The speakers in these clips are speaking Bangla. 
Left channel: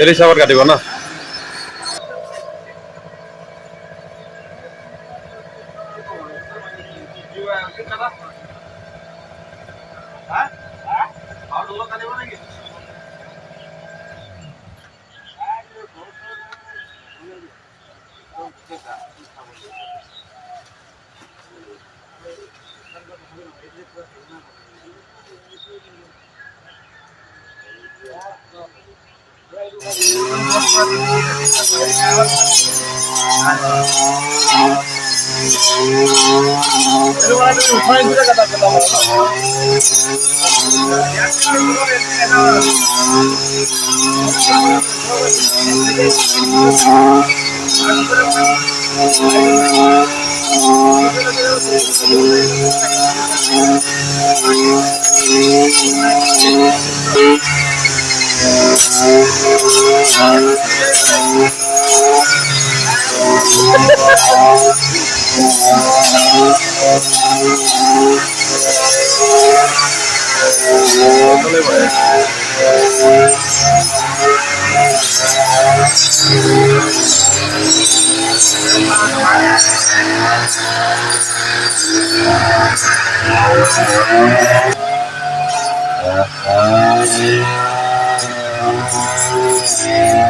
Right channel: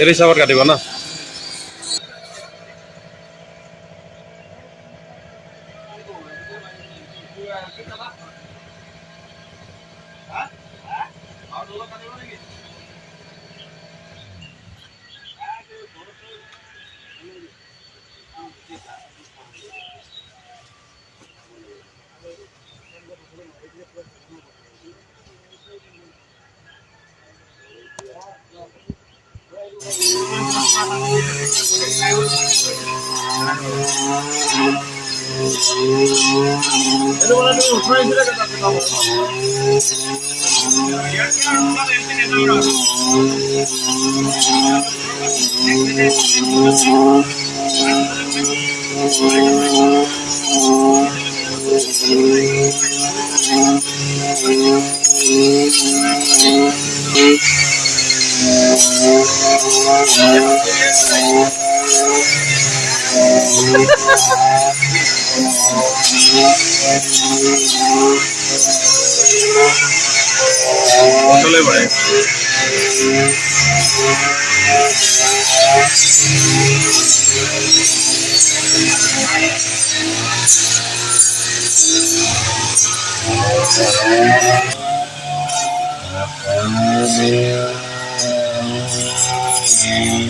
এই হিচাপত কাটিব ন। উঠাই দিলে কথা কথা Thank. Peace.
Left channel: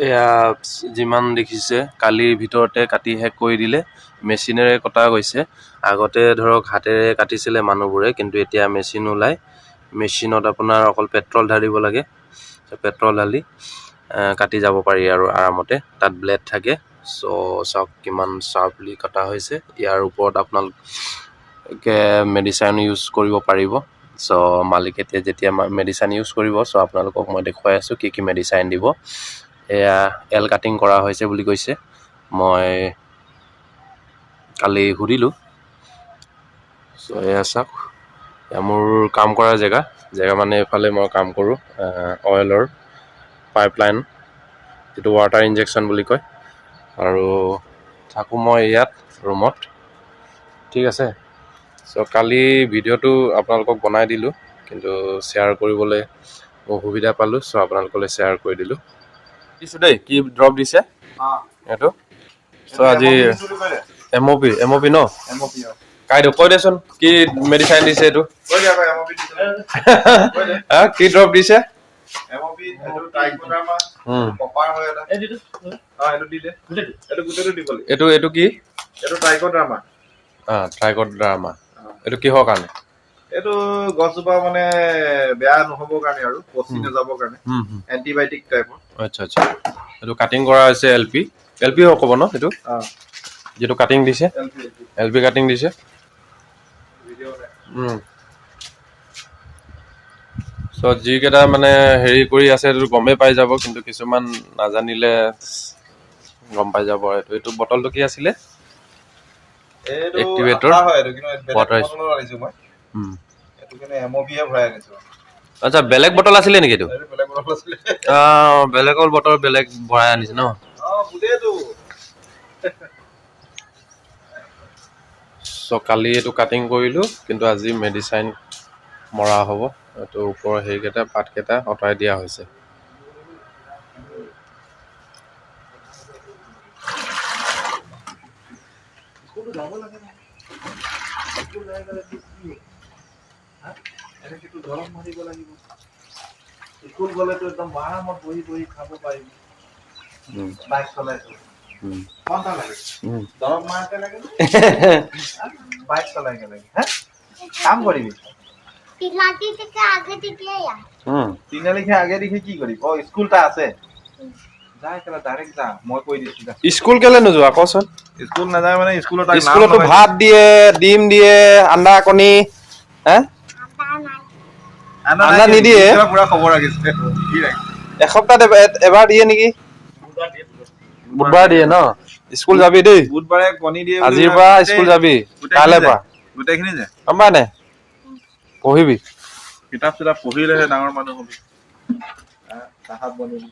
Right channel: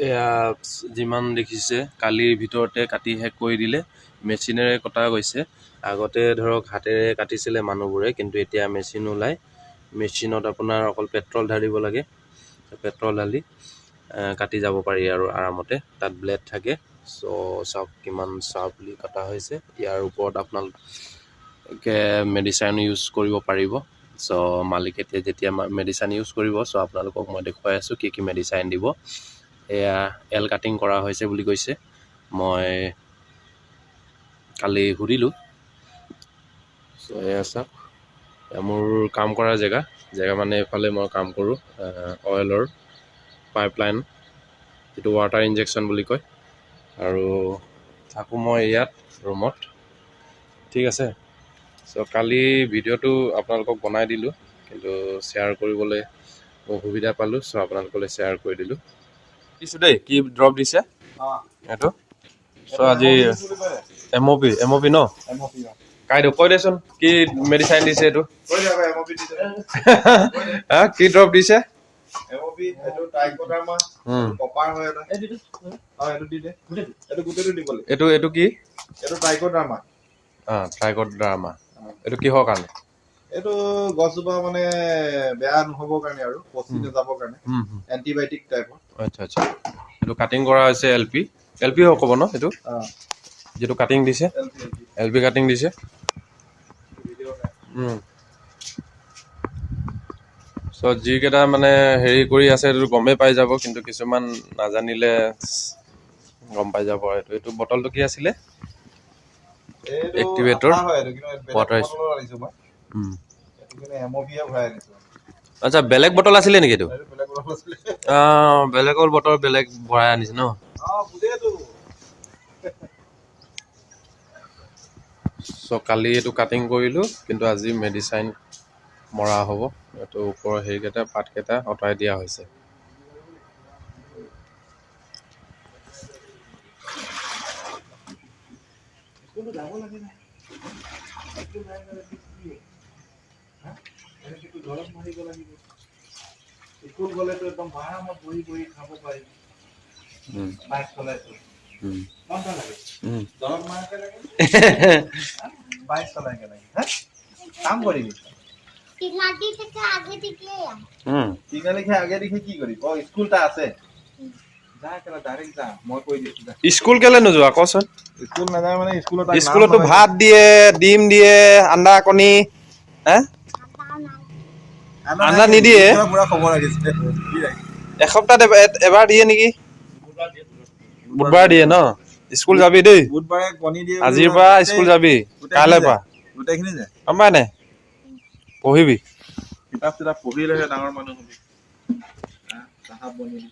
এয়া যিমান দেখিছে কালিৰ ভিতৰতে কাটি শেষ কৰি দিলে মেচিনেৰে কটা গৈছে। আগতে ধৰক হাতেৰে কাটিছিলে মানুহবোৰে কিন্তু এতিয়া মেচিন ওলাই মেচিনত আপোনাৰ অকল পেট্ৰল ঢালিব লাগে পেট্ৰল ঢালি কাটি যাব পাৰি আৰু আৰামতে। তাত ব্লেড থাকে চ' চাওক কিমান চাৰ্পলি কটা হৈছে। ইয়াৰ ওপৰত আপোনালোকে মেডিচাইন ইউজ কৰিব পাৰিব। চ' মালিকে এতিয়া যেতিয়া মেডিচাইন ইউজ কৰিব চ' আপোনালোকক মই দেখুৱাই আছোঁ কি কি মেডিচাইন দিব। এয়া এল কাটিং কৰা হৈছে বুলি কৈছে। মই কালি সুধিলোঁ। চ' এয়া চাওক। মোৰ কাম কৰা জেগা। জেগা মানে এইফালে মই কাম কৰোঁ অইলৰ পাইপলাইন যিটো ৱাটাৰ ইনজেকশ্যন বুলি কয়। আৰু থাকোঁ মই ইয়াত ৰুমত। ঠিক আছে। চ' কালি ভিডিঅ'টো আপোনালোকক বনাই দিলোঁ কিন্তু শ্বেয়াৰ কৰিবলৈ অসুবিধা পালোঁ চ' আপোনালোকলৈ শ্বেয়াৰ কৰি দিলোঁ। দিছোঁ দেই কি ড্ৰপ দিছে? এইটো? চ' আজি M O' P M O' P ন? কাইদেউ কৈ দেচোন কি মেডিচাইন দিছে এইটো? হা কি ড্ৰপ দিছে? এইটো এইটো কি? অঁ ট্ৰাইকট ড্ৰামা এইটো কিহৰ কাৰণে? এইটো গছজোপা মানে বেয়া নহ'বৰ কাৰণে আৰু পচি নাযাবৰ কাৰণে। এণ্টিবায়'টিক টাইপৰ আচ্ছা আচ্ছা। এইটো কাটিং কৰা হৈছে এল পি এল পি হ'ব ন এইটো? যিটো কাটিং দিছে? এল পি কাটিং দিছে? চ' যিকেইটা মানে হেৰি কৰি আছে এইটো গমেই পাই যাব কিন্তু কিছুমান নাজানিলে গম পাই যাব এইটো। এইটো বটলটো কি আছিলে? এইটো আচ্ছা বেলেগ বটল আছিলে নেকি এইটো? বেলেগৰ বটল বেলেগ ভৰাই আনিছে ন? চ' কালি এইটো কাটিং কৰিলোঁ কিন্তু আজি মেডিচাইন মৰা হ'ব। এইটো ওপৰৰ হেৰিকেইটা পাতকেইটা আঁতৰাই দিয়া হৈছে। যাব লাগে নাই স্কুল যাই গ'লে কি কি? হা? এনেকেতো গৰম মাৰিব লাগিব স্কুল গ'লেতো একদম আৰামত বহি বহি খাব পাৰিবি বাইক চলাইছো কোনটা লাগে দৰৱ মাৰাকে লাগে বাইক চলাইকে লাগে হা কাম কৰিবি তিনাটি আগে দিকে যা উম। তিনিআলিখে আগে দিখে কি কৰিবি অ স্কুল এটা আছে যা একেবাৰে ডাইৰেক্ট যা মই কৈ দিছো যা স্কুল কেলে নোযোৱা কচোন স্কুল নাযায় মানে স্কুলত স্কুলতো ভাত দিয়ে ডিম দিয়ে আন্দা কণী হা আদা নাই আন্দা নিদিয়ে? পুৰা খবৰ ৰাখিছে? এসপ্তাহত এব- এবাৰ দিয়ে নেকি? বুধবাৰে দিয়ে ন? স্কুল যাবি দেই। বুধবাৰে কণী দিয়ে আজিৰ পৰা স্কুল যাবি। কাইলৈ যায়। পৰা। গোটেইখিনি যায়? গম পাই নাই পঢ়িবি। কিতাপ চিতাপ পঢ়িলেহে ডাঙৰ মানুহ হবি। আহ, চাহাব বনিবি।